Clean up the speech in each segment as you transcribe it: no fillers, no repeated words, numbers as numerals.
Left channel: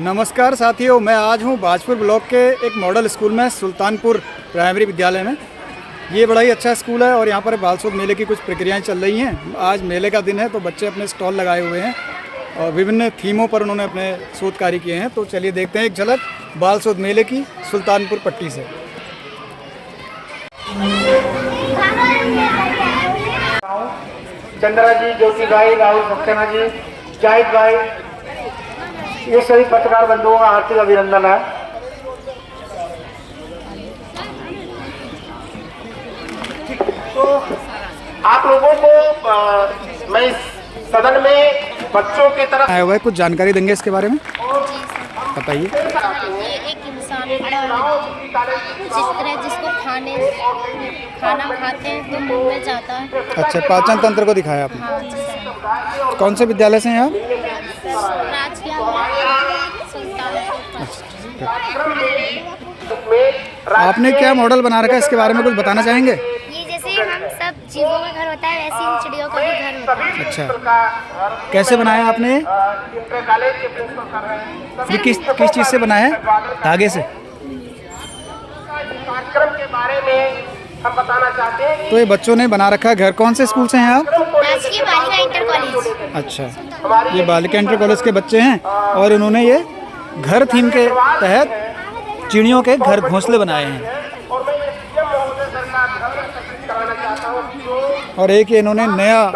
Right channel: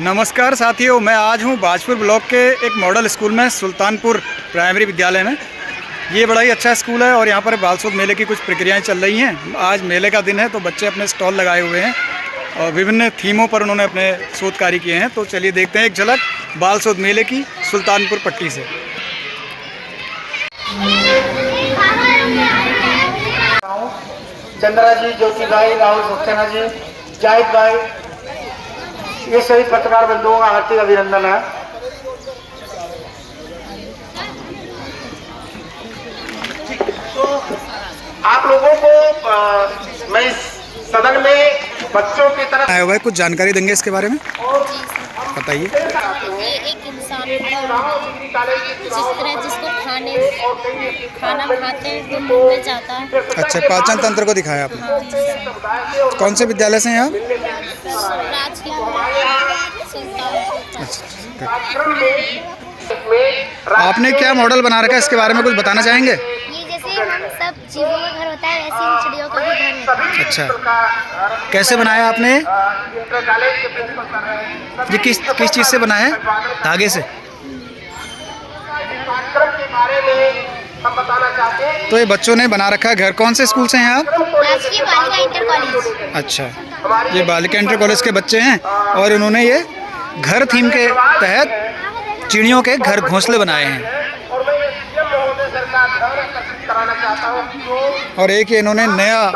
नमस्कार साथियों, मैं आज हूँ बाजपुर ब्लॉक के एक मॉडल स्कूल में, सुल्तानपुर प्राइमरी विद्यालय में। ये बड़ा ही अच्छा स्कूल है और यहाँ पर बाल शोध मेले की कुछ प्रक्रियाएं चल रही हैं। आज मेले का दिन है तो बच्चे अपने स्टॉल लगाए हुए हैं और विभिन्न थीमों पर उन्होंने अपने शोध कार्य किए हैं। तो चलिए देखते हैं एक झलक बाल शोध मेले की सुल्तानपुर पट्टी से। चंद्रा जी, ज्योति भाई, राहुल सक्सेना जी, जाहिद भाई, ये सभी पत्रकार बंधुओं का हार्दिक अभिनंदन है। तो आप लोगों को मैं सदन में बच्चों की तरफ आया हुआ है, कुछ जानकारी देंगे इसके बारे में, बताइए। ये एक इंसान जिस तरह जिसको खाना खाते हैं तो मुंह में जाता है। अच्छा, पाचन तंत्र को दिखाया आपने। हाँ जी सर। कौन से विद्यालय से हैं आप? राजकीय सुल्तानपुर। अच्छा, आपने क्या मॉडल बना रखा है, इसके बारे में कुछ बताना चाहेंगे? ये जैसे हम सब जीवों का घर होता है वैसे इन चिड़ियों का भी घर होता है। अच्छा, कैसे बनाया आपने? ये किस चीज़ से बनाया है? धागे से। तो ये बच्चों ने बना रखा है घर। कौन से स्कूल से हैं आप? राजकीय बालिका इंटर कॉलेज। अच्छा, ये बालिका इंटर कॉलेज के बच्चे हैं और उन्होंने ये घर थीम के तहत चिड़ियों के घर घोंसले बनाए हैं। और एक ये इन्होंने नया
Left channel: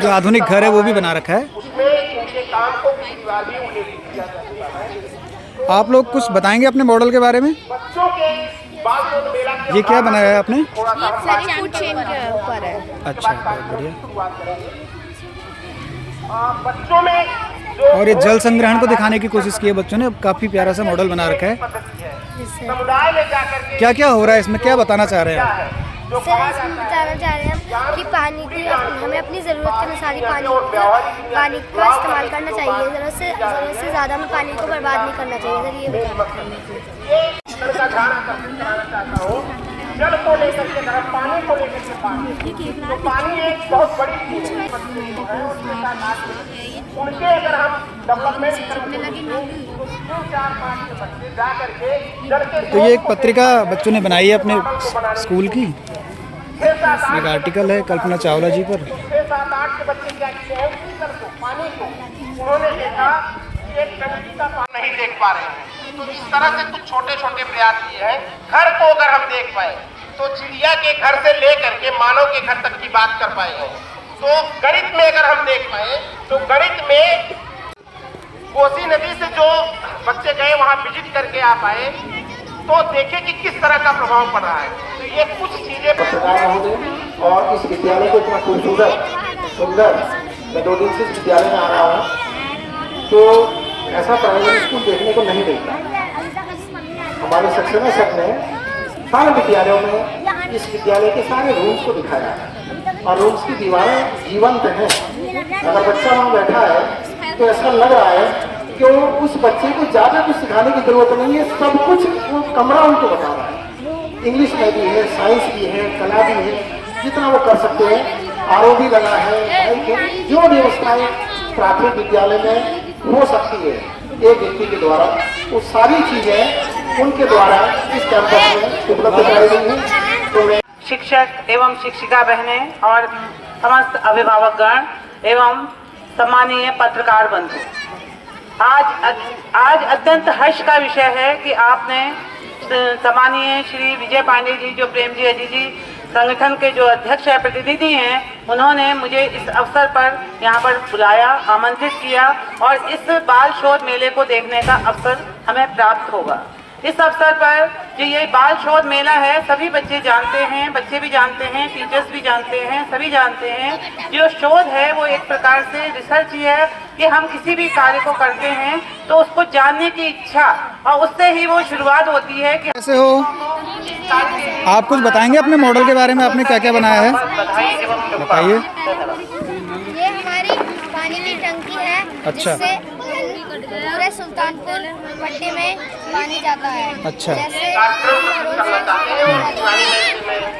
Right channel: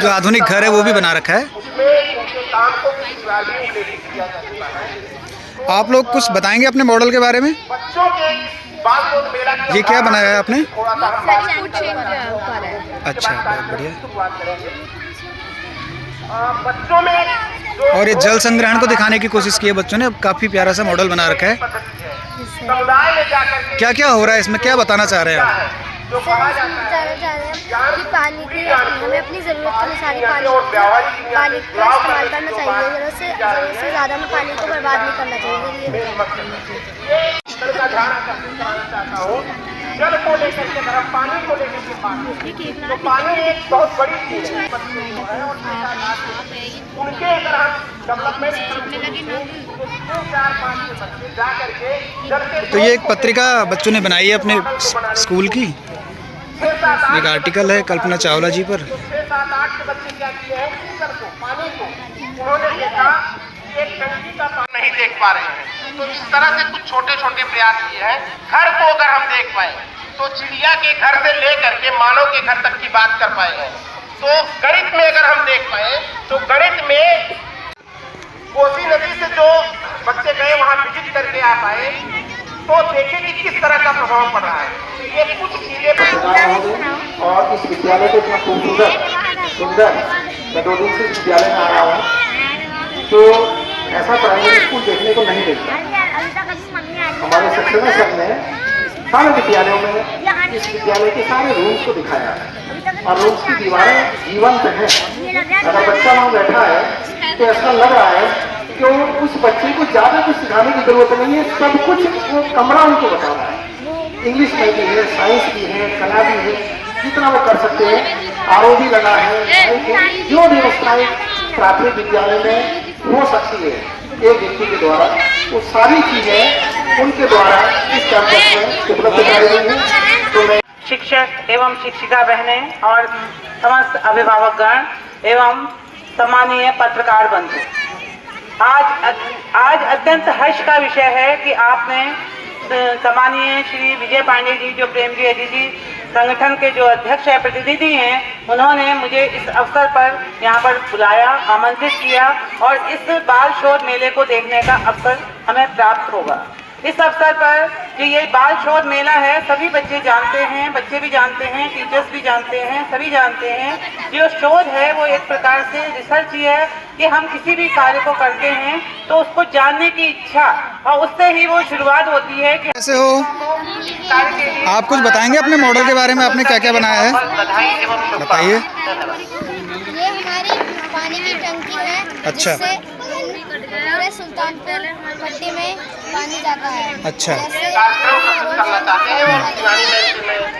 जो आधुनिक घर है वो भी बना रखा है। आप लोग कुछ बताएंगे अपने मॉडल के बारे में? ये क्या बनाया है आपने? अच्छा, बहुत बढ़िया। और ये जल संग्रहण को दिखाने की कोशिश की है बच्चों ने। अब काफ़ी प्यारा सा मॉडल बना रखा है। क्या क्या हो रहा है इसमें, क्या बताना चाह रहे हैं आप? कि पानी की हमें अपनी ज़रूरत के अनुसार ही पानी का इस्तेमाल करना चाहिए। ज़रूरत से ज़्यादा में पानी को बर्बाद नहीं करना चाहिए। तो ये एक पत्रिका बच्चों ने बनाई है अपने स्कूल की। एक आर्टिकल है कल्पना चावला जी पर। नहीं देख पा रहे हैं, तो इस तरह से कुछ छोटे छोटे प्रयास किए हैं। घर को अगर हम देख पाए तो चिड़िया के घर से लेकर के मानव के घर तक की बात कर पाए हैं। तो गणित में अगर हम देख पाए तो गणित में कोसी नदी से जो बच्चे गए वहां विजिट करके आ पाए तो देखें कि किस तरह का प्रभाव पड़ रहा है। तो ये कुछ चीजें और इस विद्यालय को इतना खूबसूरत सुंदर, मैं 2 दिन से विद्यालय में आ रहा हूँ तो ऐसा प्राइवेट स्कूल देखने को नहीं मिलता। हमारे सक्सेना सर ने सारे विद्यालयों में इस विद्यालय के सारे रूम्स को दिखाया और रूम्स की दीवारें जीवंत हैं। अगर बच्चा वहाँ बैठा है तो ऐसा लग रहा है कि उस बच्चे को ज़्यादा कुछ सिखाने की जरूरत नहीं है, सब कुछ वो कमरा उनको बता रहा है। इंग्लिश में भी है, साइंस भी है, कला भी है, जितना वो कर सकते हैं। आरओ भी लगा है। जो व्यवस्थाएं प्राथमिक विद्यालय में हो सकती है एक व्यक्ति के द्वारा, वो सारी चीजें उनके द्वारा इस कैंपस में उपलब्ध कराई गई हैं। तो मैं शिक्षक एवं शिक्षिका बहनें और समस्त अभिभावकगण एवं सम्मानीय पत्रकार बंधु, आज अत्यंत हर्ष का विषय है कि आपने सम्मानीय श्री विजय पांडे जी, जो प्रेम जी एडीजी संगठन के जो अध्यक्ष है, प्रतिनिधि हैं, उन्होंने मुझे इस अवसर पर यहाँ पर बुलाया, आमंत्रित किया और इस बाल शोध मेले को देखने का अवसर हमें प्राप्त होगा। इस अवसर पर जो ये बाल शोध मेला है, सभी बच्चे जानते हैं, बच्चे भी जानते हैं, टीचर्स भी जानते हैं, सभी जानते हैं। जो शोध है वो एक प्रकार से रिसर्च ही है कि हम किसी भी कार्य को करते हैं तो उसको जानने की इच्छा और उससे ही वो शुरुआत होती है। कि कैसे हो आप, कुछ बताएंगे अपने मॉडल के बारे में? आपने क्या क्या बनाया है, बताइए। ये हमारी पानी की टंकी है। अच्छा। जिससे पूरे सुल्तानपुर पट्टी में पानी जाता है। अच्छा। जैसे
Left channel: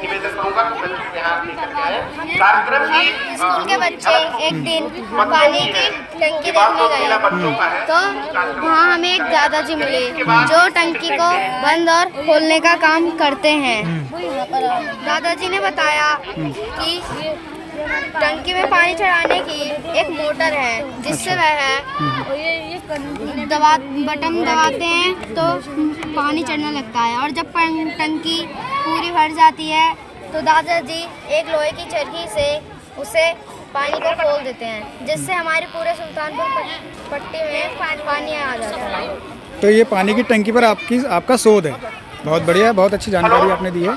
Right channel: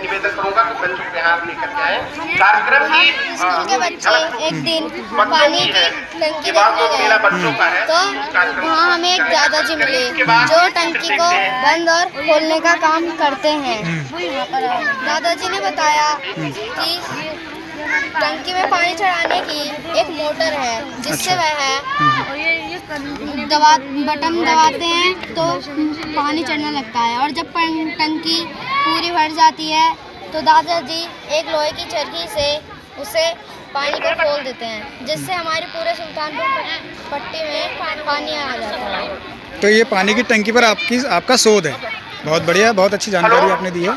निवेदन करूंगा कि बच्चे यहाँ लेकर के आए कार्यक्रम की स्कूल के बच्चे एक दिन पानी की टंकी देखने गए तो वहाँ हमें एक दादाजी मिले जो टंकी को बंद और खोलने का काम करते हैं। दादाजी ने बताया कि टंकी में पानी चढ़ाने की एक मोटर है जिससे वह बटन दबाते हैं तो पानी चढ़ने लगता है और जब टंकी पूरी भर जाती है तो दादाजी एक लोहे की चरखी से उसे पानी को खोल देते हैं जिससे हमारे पूरे सुल्तानपुर पट्टी में पानी आ जाता है। तो ये पानी की टंकी पर आपका शोध है। बहुत बढ़िया, बहुत अच्छी जानकारी आपने दी है।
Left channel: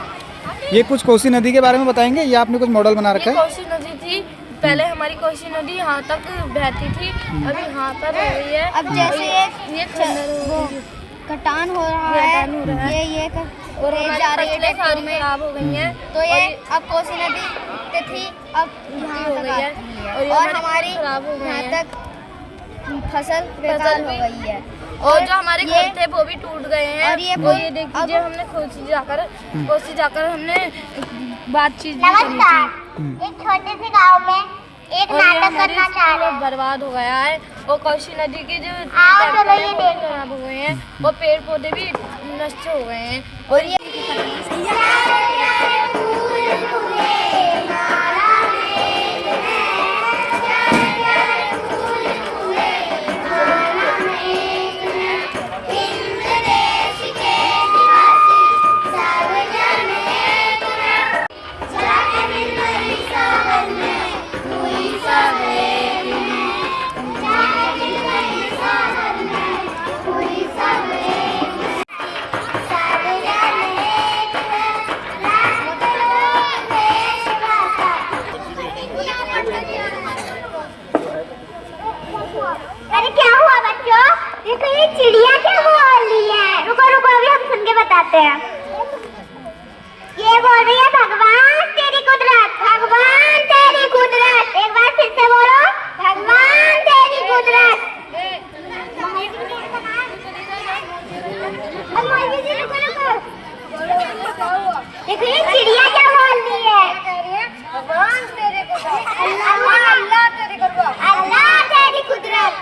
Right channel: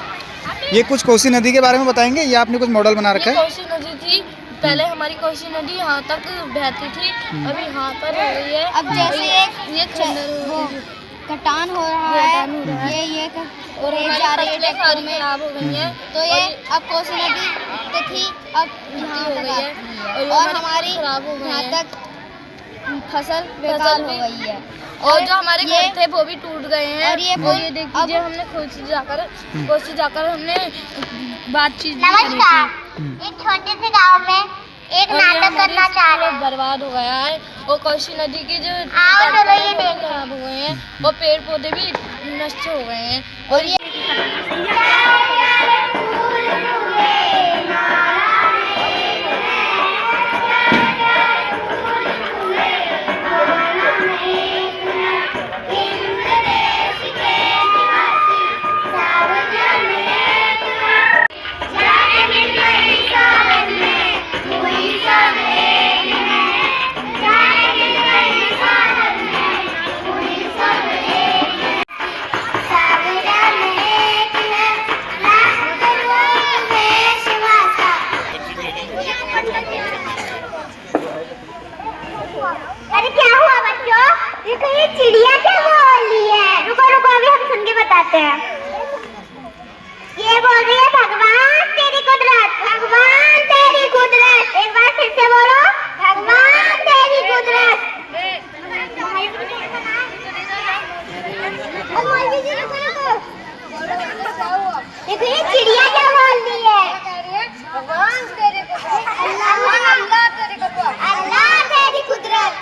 ये कुछ कोसी नदी के बारे में बताएंगे या आपने कुछ मॉडल बना रखा है? कोसी नदी थी पहले, हमारी कोसी नदी यहाँ तक बहती थी, अभी यहाँ पर हो गई है। अब जैसे वो कटान हो रहा है ये और हमारी फसलें सारी खराब हो गई हैं तो ये अब कोसी नदी पे थी अब यहाँ हो तक गई है आती है और हमारी खराब हो गई यहाँ है। तक फसल बेकार हो गई है और जो हमारे घर थे वो भी टूट गए हैं। और ये और ये देख लीजिए, हमने कोसी जाकर हमने बातचीत भी करी थी। एक छोटे से गांव में एक और ये नाटक हमारे करना चाह पूरा रहे बर्बाद हो गया है और कोसी नदी के जो आओ चलो तट ये हैं, वो भी खराब हो गए हैं और पेड़ पौधे भी नष्ट हो गए हैं। और ये अरे क्या हुआ बच्चों? देखो ये चिड़िया क्या बोल रही है। रुको रुको अभी हम सुन के बताते हैं। ये बोल रही है भगवान तेरी कुदरत, भगवान तेरी कुदरत। एक बार फिर से बोलो, भगवान तेरी कुदरत। देखो ये चिड़िया क्या बोल रही है। भगवान तेरी कुदरत, अल्लाह तेरी कुदरत, अल्लाह तेरी कुदरत।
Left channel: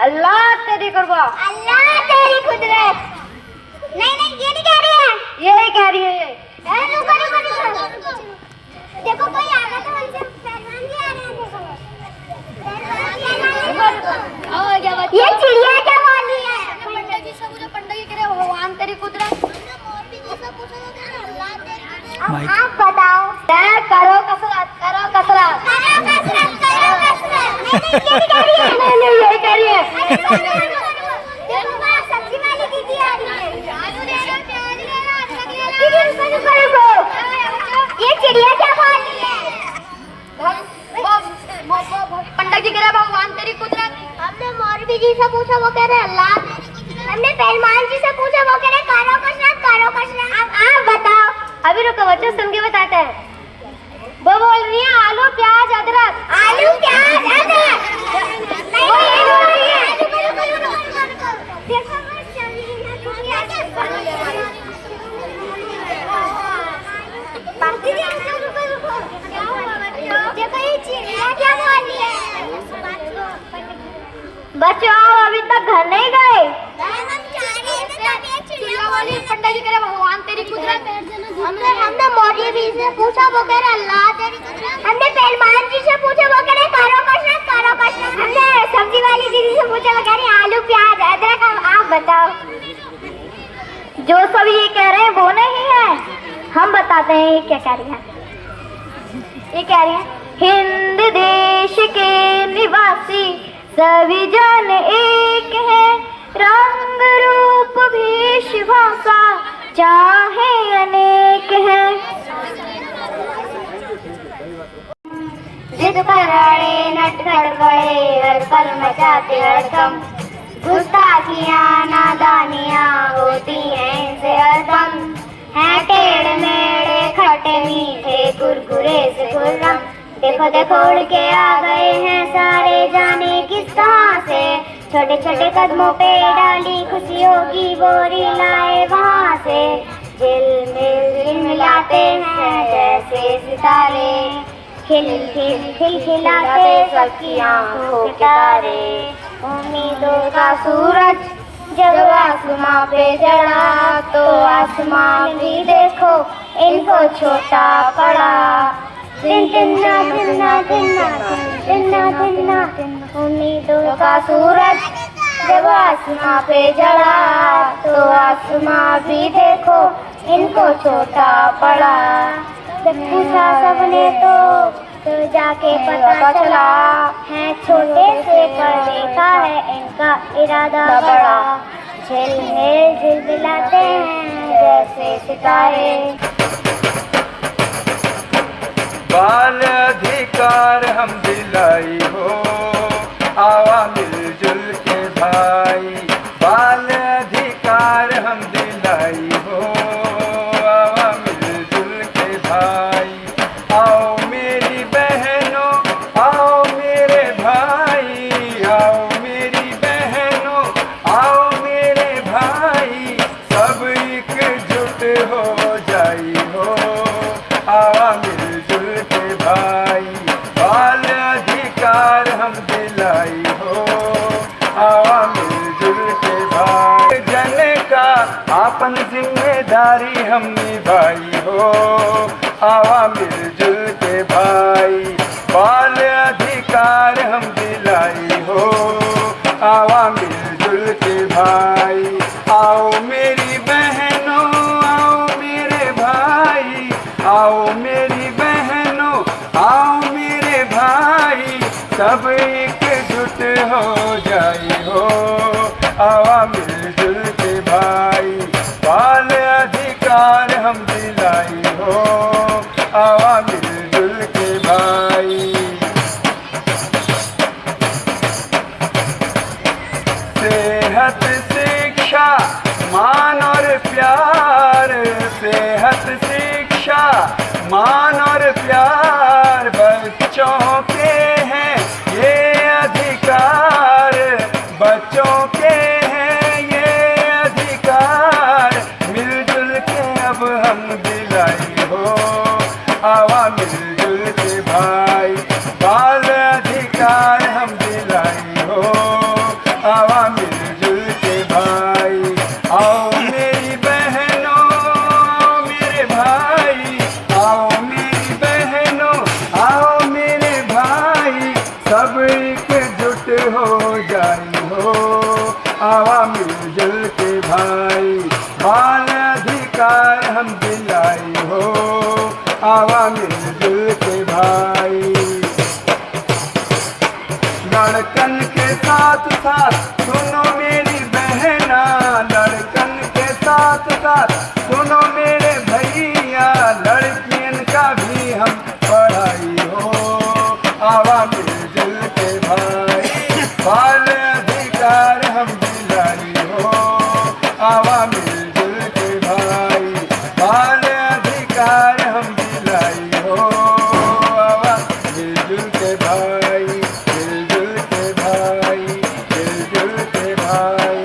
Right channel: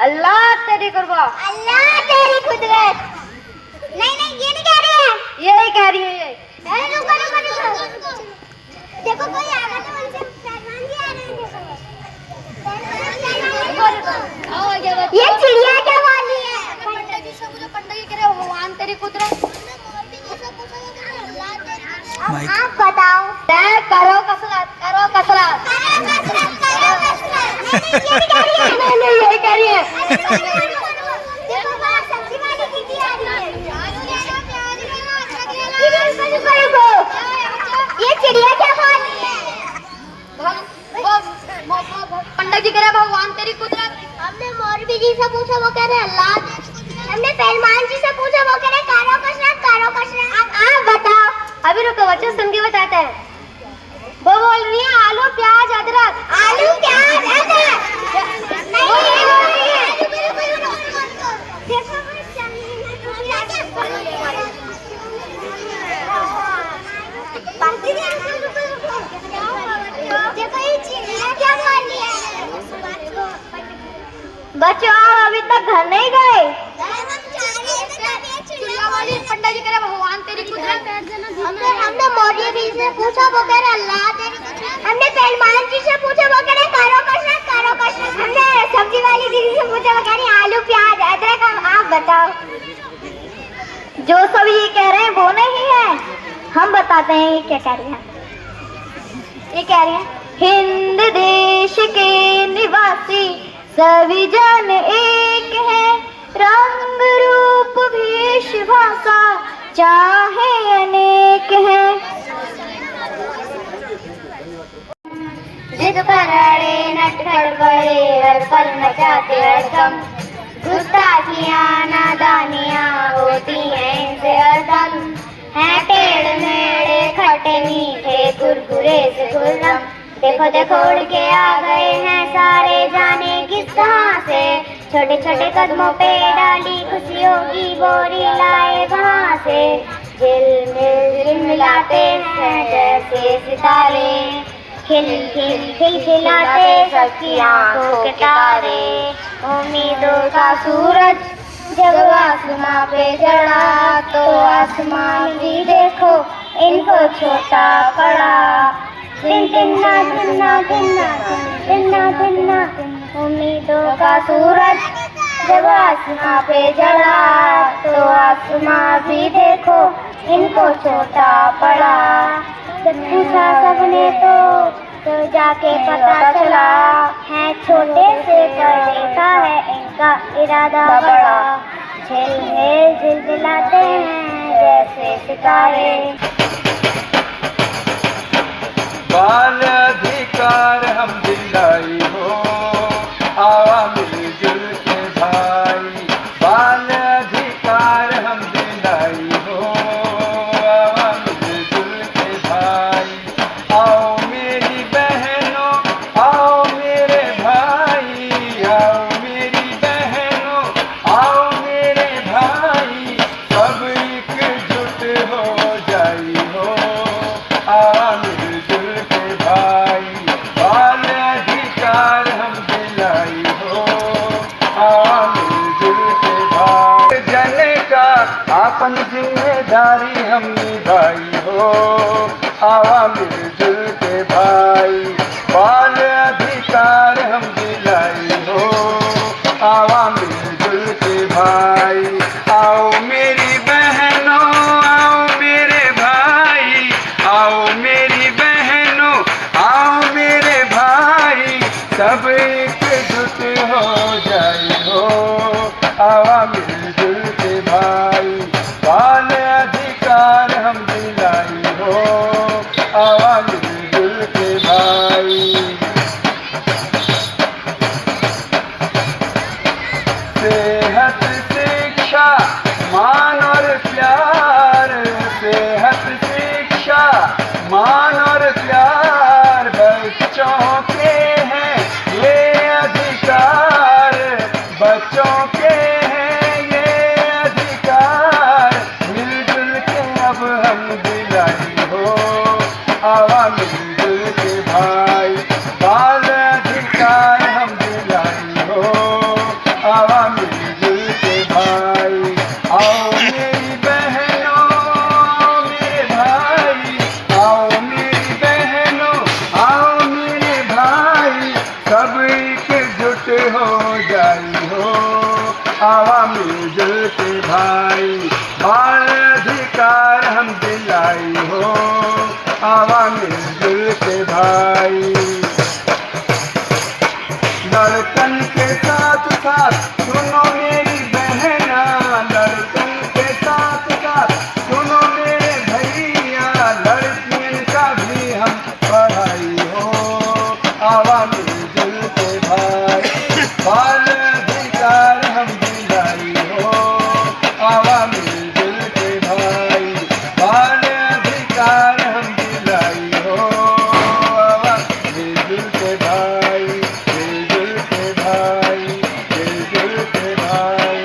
अल्लाह तेरी कुर्बान, अल्लाह तेरी कुदरत। नहीं नहीं ये नहीं कह रही है, ये नहीं कह रही है। रुको रुको रुको, देखो कोई आ रहा तो उनसे पहचान भी आ रहा है। देखो ये चिड़िया क्या बोल रही है। पंडित जी से पूछो, पंडित जी कह रहे भगवान तेरी कुदरत। आप बताओ। करो कसरत, करो कसरत, करो कसरत। नहीं यही कह रही है। देखो बाहर सब्जी वाली दीदी आ रही है। ये चिड़िया क्या बोल रही है। पंडित जी कह रहे भगवान तेरी कुदरत। हमने मौलवी जी से पूछा, वो कह रहे अल्लाह। हमने पहलवान जी से पूछा, वो कह रहे करो कसरत, करो कसरत। अब आप बताओ। अभी रुको बच्चों, सुन के बताते हैं। वो बोल रही है आलू प्याज अदरक, आलू प्याज अदरक। वो ये बोल रही है। बच्चों आप अभी तक घर नहीं गए। पंडित जी कह रहे भगवान तेरी कुदरत। हमने मौर्य जी से पूछा, वो कह रहे अल्लाह तेरी कुदरत। हमने पहलवान जी से पूछा, वो कह रहे करो कसरत, करो कसरत। हमने सब्जी वाली दीदी से पूछा, वो कह रहे आलू प्याज अदरक। आप बताओ। जो सब ये कह रहे हैं वो नहीं है, हम बताते हैं ये क्या कह रही है। ये कह रही है हिंद देश के निवासी सभी जन एक है, रंग रूप भेष भाषा चाहे अनेक है। जिद पर अड़े नट गड़बड़े हर पल मचाते हड़कम, गुस्ताखियाँ नादानियाँ होती हैं इनसे हरदम। है टेढ़ मेढ़े खट्टे मीठे कुरकुरे से खुर्रम, देखो देखो उड़ के आ गए हैं किस कहाँ से, छोटे छोटे कदमों पे डाली खुशियों की बोरी लाए वहाँ से। झिलमिल झिलमिलाते हैं जैसे सितारे, खिल खिल खिलखिलाते सबकी आंखों के तारे। उम्मीदों का सूरज जब आसमां पे चढ़ा तो आसमान भी देखो इनको छोटा पड़ा। तिन्ना तिन्ना तिन्ना तिन्ना तिन्ना उम्मीदों का सूरज जब आसमां पे चढ़ा तो आसमां भी देखो इनको छोटा पड़ा। जब पूछा सबने तो जाके पता चला है छोटे से पढ़ने का है इनका इरादा बड़ा। झिलमिल झिलमिलाते हैं जैसे सितारे। बाल अधिकार हम दिलाई हो, आवा मिलजुल के भाई। बाल अधिकार हम दिलाई हो, आवा मिलजुल के भाई। आओ मेरी बहनों, आओ मेरे भाई, आओ मेरी बहनों, आओ मेरे भाई। सब एकजुट हो जाई हो, आवा मिलजुल के भाई। बाल अधिकार हम दिलाई हो, आवा मिलजुल के भाई। जन का आपन जिम्मेदारी हम निभाई हो, आवा मिलजुल के भाई। बाल अधिकार हम दिलाई हो, आवा मिलजुल के भाई। आओ मेरी बहनों, आओ मेरे भाई, आओ मेरी बहनों, आओ मेरे भाई। सब एकजुट हो जाई हो, आवा मिलजुल के भाई। बाल अधिकार हम दिलाई हो, आवा मिलजुल के भाई। सेहत शिक्षा मान और प्यार, सेहत शिक्षा मान और प्यार। बच्चों के हैं ये अधिकार, बच्चों के हैं ये अधिकार। मिलजुल के अब हम दिलाई हो, आवा मिलजुल के भाई। बाल अधिकार हम दिलाई हो, आवा मिलजुल के भाई। आओ मेरी बहनों, मेरे भाई, आओ मेरी बहनों, आओ मेरे भाई। सब एकजुट हो जाई हो, आवा मिलजुल के भाई। बाल अधिकार हम दिलाई हो, आवा मिलजुल के भाई। लड़कन के साथ साथ सुनो मेरी बहना, लड़कन के साथ साथ सुनो मेरे भैया। लड़कियन का भी हम पढ़ाई हो, आवा मिलजुल के भाई। बाल अधिकार हम दिलाई हो, आवा मिलजुल के भाई। बाल अधिकार हम दिलाई हो, आवा मिलजुल के भाई। मिलजुल के भाई, मिलजुल के भाई।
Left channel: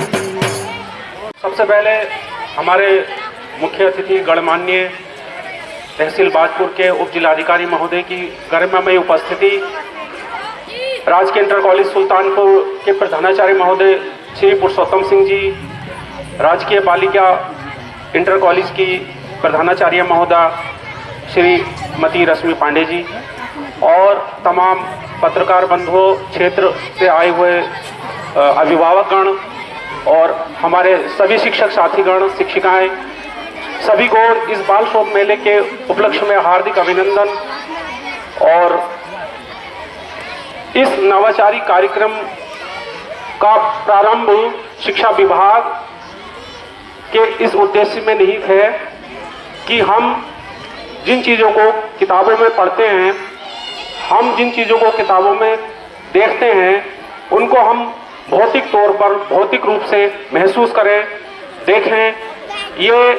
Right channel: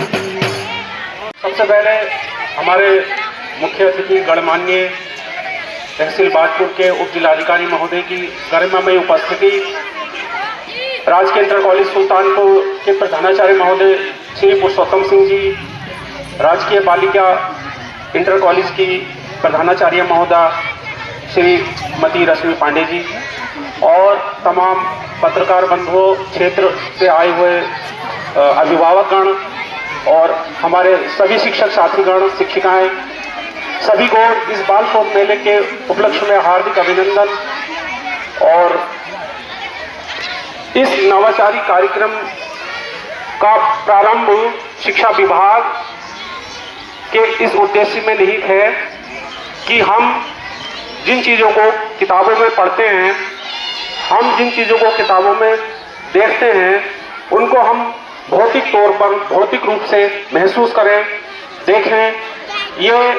सबसे पहले हमारे मुख्य अतिथि गणमान्य तहसील बाजपुर के उप जिलाधिकारी महोदय की गरिमामयी उपस्थिति, राजकीय इंटर कॉलेज सुल्तानपुर के प्रधानाचार्य महोदय श्री पुरुषोत्तम सिंह जी, राजकीय बालिका इंटर कॉलेज की प्रधानाचार्य महोदय श्रीमती रश्मि पांडे जी और तमाम पत्रकार बंधुओं, क्षेत्र से आए हुए अभिभावकगण और हमारे सभी शिक्षक साथीगण, शिक्षिकाएं, सभी को इस बाल शोध मेले के उपलक्ष्य में हार्दिक अभिनंदन। और इस नवाचारी कार्यक्रम का प्रारंभ शिक्षा विभाग के इस उद्देश्य में निहित है कि हम जिन चीज़ों को किताबों में पढ़ते हैं, हम जिन चीज़ों को किताबों में देखते हैं, उनको हम भौतिक तौर पर, भौतिक रूप से महसूस करें, देखें। ये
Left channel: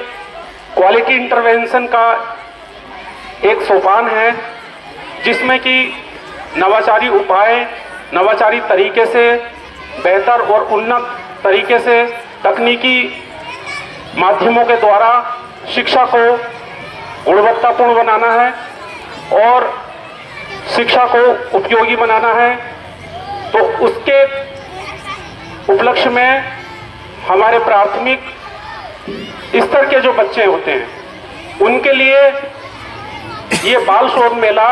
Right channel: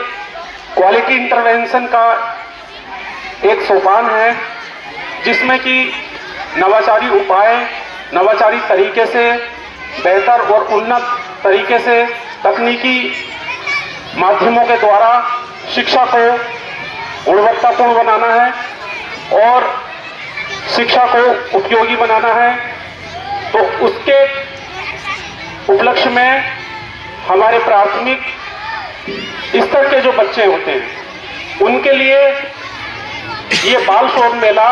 क्वालिटी इंटरवेंशन का एक सोपान है जिसमें कि नवाचारी उपाय नवाचारी तरीके से, बेहतर और उन्नत तरीके से तकनीकी माध्यमों के द्वारा शिक्षा को गुणवत्तापूर्ण बनाना है और शिक्षा को उपयोगी बनाना है। तो उसके उपलक्ष्य में हमारे प्राथमिक स्तर के जो बच्चे होते हैं उनके लिए ये बाल शोध मेला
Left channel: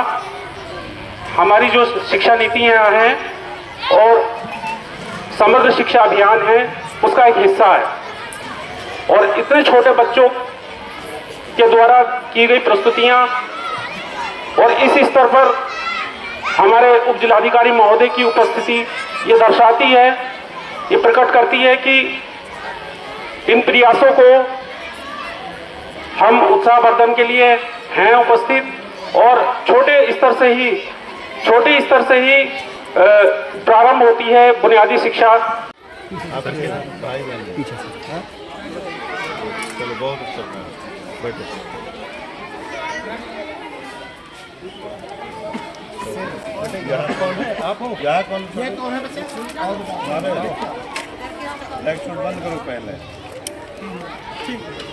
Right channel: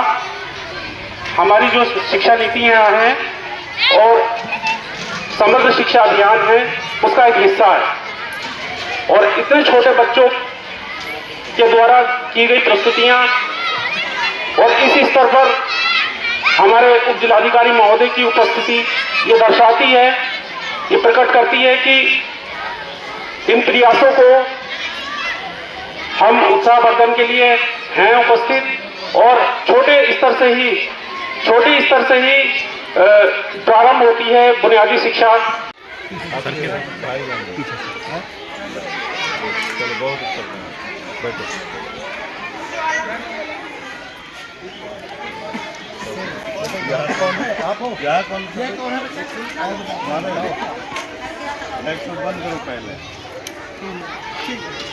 हमारी जो शिक्षा नीतियाँ हैं और समग्र शिक्षा अभियान है उसका एक हिस्सा है। और इतने छोटे बच्चों के द्वारा की गई प्रस्तुतियाँ और इस स्तर पर हमारे उप जिलाधिकारी महोदय की उपस्थिति ये दर्शाती है, ये प्रकट करती है कि इन प्रयासों को हम उत्साहवर्धन के लिए हैं उपस्थित और छोटे स्तर से ही प्रारंभ होती है बुनियादी शिक्षा। चलो बहुत अच्छा बैठो। आप हो? यहाँ कौन है? लाइट बंद करो पहले।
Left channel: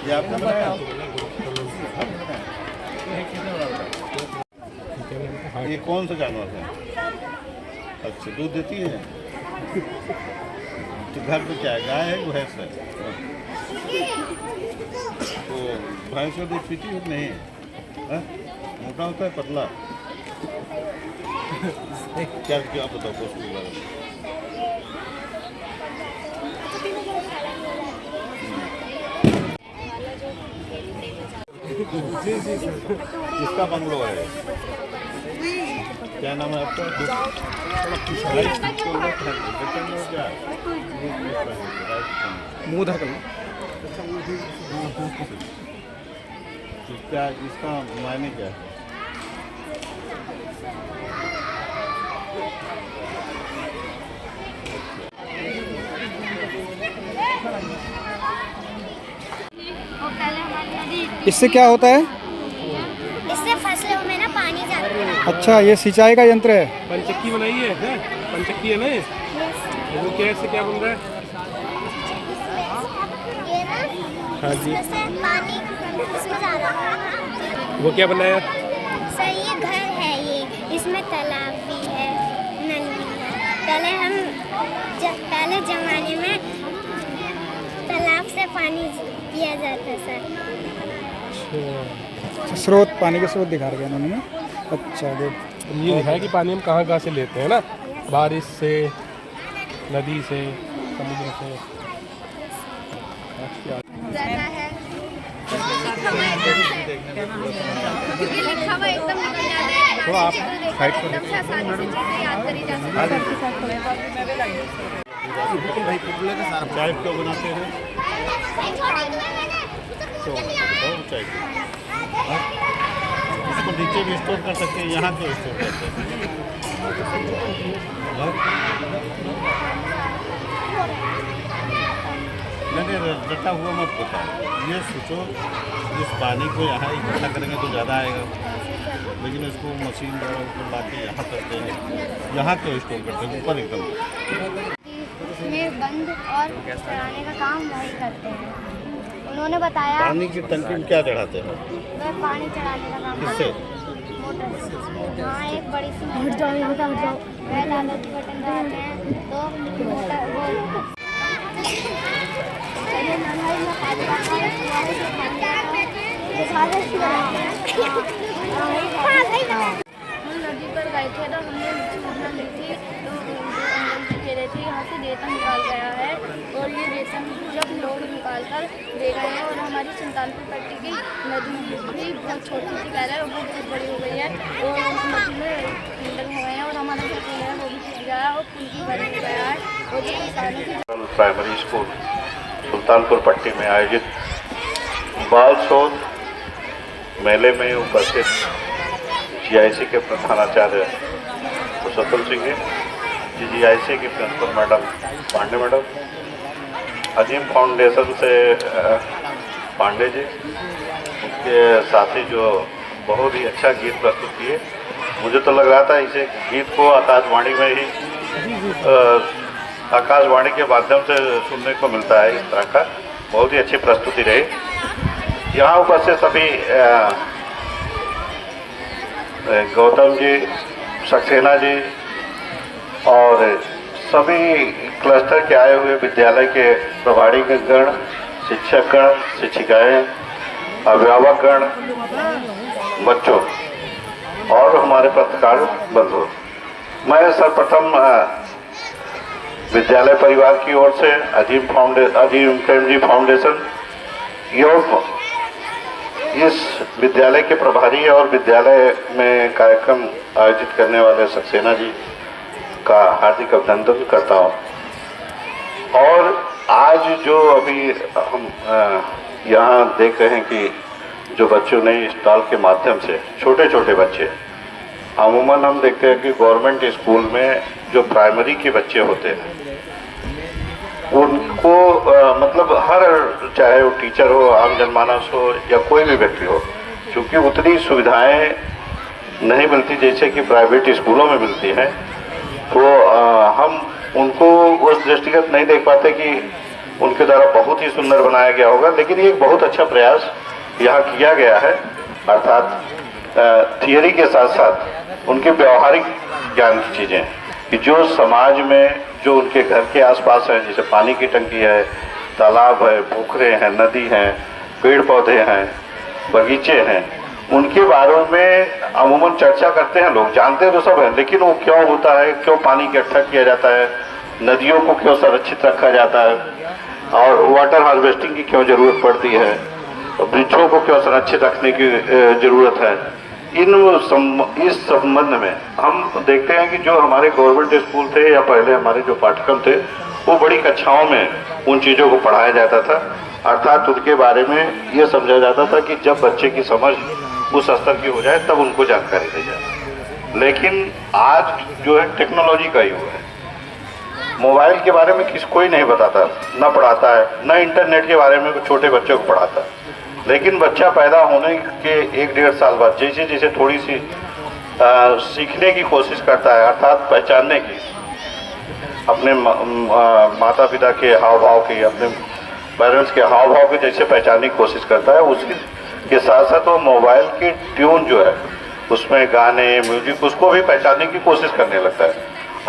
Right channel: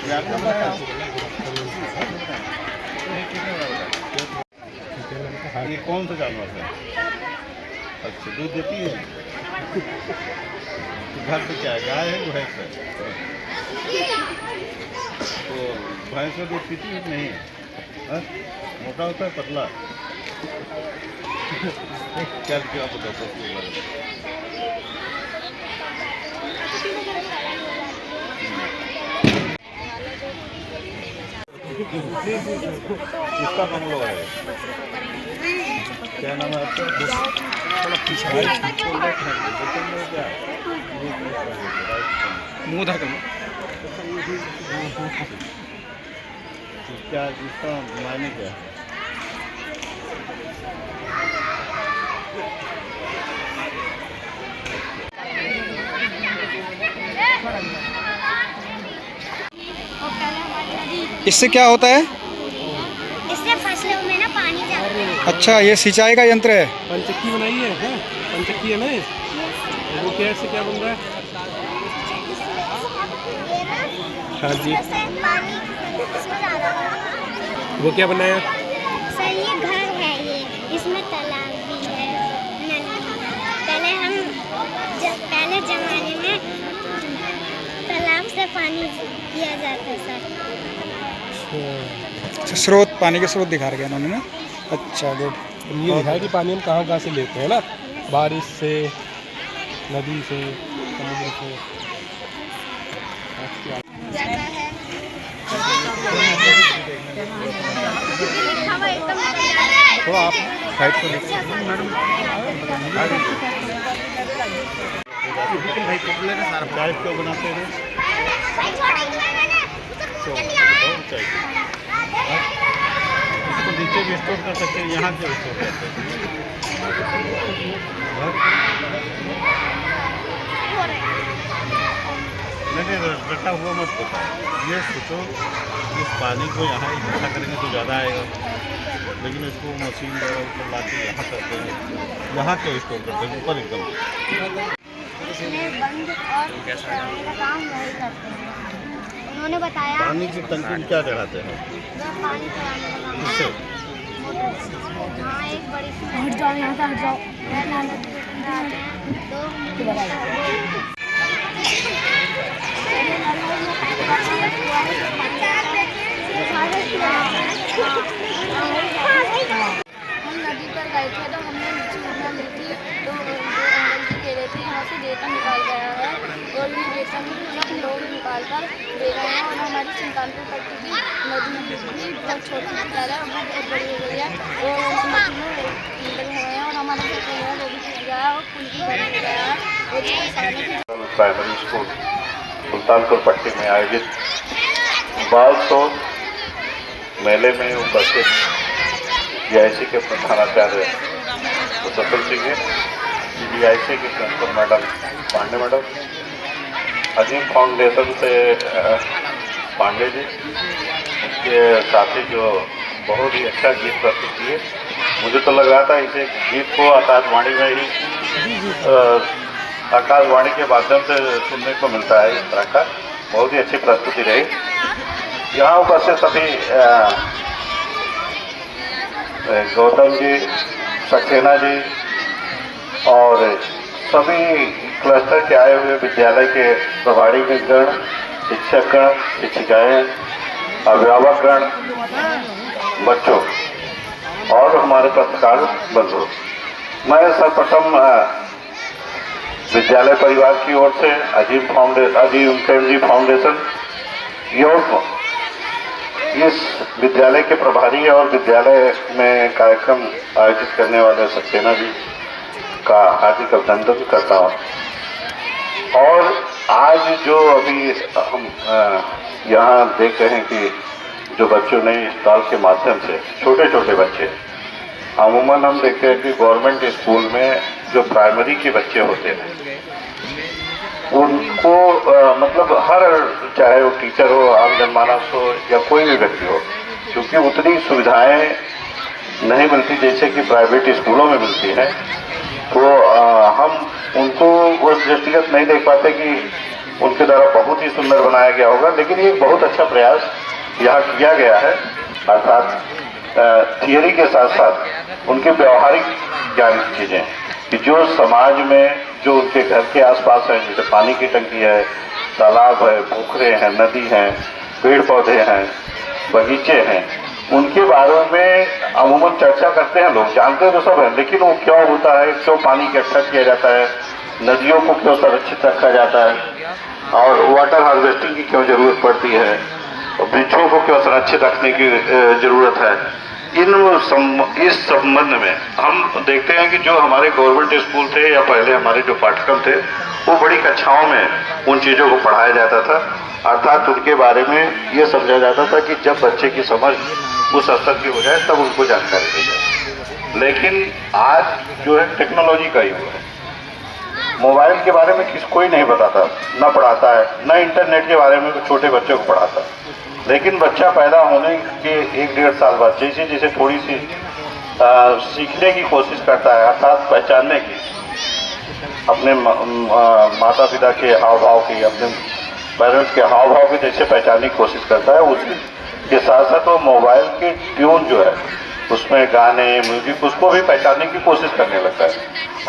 ये आपका बताओ। ये कौन सा जानवर है? अच्छा, दूध देती है? तो घर पे क्या है, गाय है भैंस है? तो भैंस का दूध पीती है नहीं? मोटा होता है पतला? क्या बताओ उसके बारे में? किसका बंगलो है? क्या नाम है आपका? थोड़ा पीछे मुँह धर कर क्या इसका मायने क्या है? इससे क्या होता है? इससे फसलों में ना पानी जाता है। अच्छा, ये सिंचाई का यंत्र है। पंचक्की बनाई है क्या? पंचक्की है ना? वो कैसे क्या बन रहा है? हाँ जी। वो क्या बनाया? सर ये घर है, ये इसमें तालाब भी है, नली है। पहले जमाने में तालाब से पानी पिया जाता सर। अच्छा, स्रोत, पानी के स्रोत दिखा रहे इन्होंने ना। अच्छा, गुड। ये दिखा कि पानी हम कहाँ से लेते हैं ना, बारिश से, नदी से, समुद्र से। तो आप साइड पर चाय क्यों बनाते हैं? चाय इसको नीचे भी स्टोर कर सकते हैं, यहाँ पे स्टोर करते हैं। नहीं रटा हुआ मत होता है। ये सोचो इस पानी को यहाँ इकट्ठा करेंगे तो ज़्यादा आएगा, लेकिन इसको मशीन द्वारा ऊपर ला के यहाँ करते हैं, यहाँ क्यों स्टोर करते हैं ऊपर एकदम। इसमें बंद और चढ़ाने का काम वही करते हैं। उन्होंने बताया पानी की टंकी में क्या चढ़ाते हैं? पानी चढ़ाने का काम किससे? हाँ, एक बड़ी सी हट जाओ बटन दबाते हैं तो हम नदी पर गए थे तो हमने सूचना ली थी, तो जो एंगल की खेले थी यहाँ से रेता निकाल गया है और ये रेता जब लोग निकाल कर दे रहे हैं और हमारी सुल्तानपुर पट्टी की नदी भी बहुत छोटी सी पहले वो बहुत बड़ी हो गई है और उस नदी में लगे हुए हैं और हमारा जो पुल है वो भी टूट गया है और पुल भी बंद हो गया है और जिसके कारण से प्राइमरी स्कूल सुल्तानपुर पट्टी में आयोजित बाल शोध मेले में उपस्थित GIC के प्रधानाचार्य सतुल सिंह है, GIC की प्रिंसिपल मैडम पांडे मैडम, अजीम फाउंडेशन से पांडे जी, उसके साथी जो बहुत ही अच्छा गीत प्रस्तुत किए। मुझे तो लग रहा था इसे गीत को आकाशवाणी में ही आकाशवाणी के माध्यम से सुनने को मिलता है इस तरह का। बहुत ही अच्छी प्रस्तुति रही। यहाँ उपस्थित सभी गौतम जी, सक्सेना जी और सभी क्लस्टर के आए हुए विद्यालय के प्रभारी गण, शिक्षकगण, शिक्षिकाएँ, अभिभावकगण, बच्चों और हमारे पत्रकार बंधु, मैं सर्वप्रथम विद्यालय परिवार की ओर से अजीम प्रेमजी फाउंडेशन योग इस विद्यालय के प्रभारी और विद्यालय में कार्यक्रम आयोजित करने वाले सक्सेना जी का हार्दिक अभिनंदन करता हूँ। और आज जो अभी हम यहाँ देख रहे हैं कि जो बच्चों ने इस स्टॉल के माध्यम से, छोटे छोटे बच्चे, अमूमन हम देखते हैं कि गवर्नमेंट स्कूल में जो प्राइमरी के बच्चे होते हैं उनको मतलब हर, चाहे वो टीचर हो, आम जनमानस हो या कोई भी व्यक्ति हो, क्योंकि उतनी सुविधाएं नहीं मिलती जैसे कि प्राइवेट स्कूलों में मिलती हैं, तो हम उनको उस दृष्टिगत नहीं देख पाते कि उनके द्वारा बहुत ही सुंदर बनाया गया होगा। लेकिन ये बहुत अच्छा प्रयास यहाँ किया गया है, अर्थात थियरी के साथ साथ उनके व्यवहारिक ज्ञान की चीज़ें कि जो समाज में जो उनके घर के आसपास है, जैसे पानी की टंकी है, तालाब है, पोखरे हैं, नदी हैं, पेड़ पौधे हैं, बगीचे हैं, उनके बारे में अमूमन चर्चा करते हैं लोग, जानते तो सब हैं, लेकिन वो क्यों होता है, क्यों पानी इकट्ठा किया जाता है, नदियों को क्यों संरक्षित रखा जाता है और वाटर हार्वेस्टिंग की क्यों ज़रूरत पड़ती है, वृक्षों को क्यों संरक्षित रखने की ज़रूरत है। इस संबंध में हम देखते हैं कि जो हमारे गवर्नमेंट स्कूल थे या पहले हमारे जो पाठ्यक्रम थे वो बड़ी कक्षाओं में उन चीज़ों को पढ़ाया जाता था, अर्थात उनके बारे में ये समझा जाता था कि जब बच्चे की समझ उस स्तर की हो जाए तब उनको जानकारी दी जाए। लेकिन आज जो है टेक्नोलॉजी का युग है, मोबाइल के बारे में कोई नहीं बताता, ना पढ़ाता है, ना इंटरनेट के बारे में छोटे बच्चों को पढ़ाता है। लेकिन बच्चा पैदा होने के 1-1.5 साल बाद जैसे जैसे थोड़ी सी सीखने की कोशिश करता है, अर्थात पहचानने की, अपने माता पिता के हाव भाव की, अपने पेरेंट्स के हाव भाव की जैसे पहचानने की कोशिश करता है, उसी के साथ साथ वो मोबाइल की ट्यून जो है उसमें गाने, म्यूजिक, उसको भी पहचानने की कोशिश करने लगता है।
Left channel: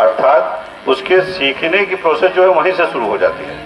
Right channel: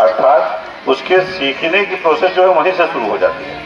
अर्थात उसके सीखने की प्रोसेस जो है वहीं से शुरू हो जाती है।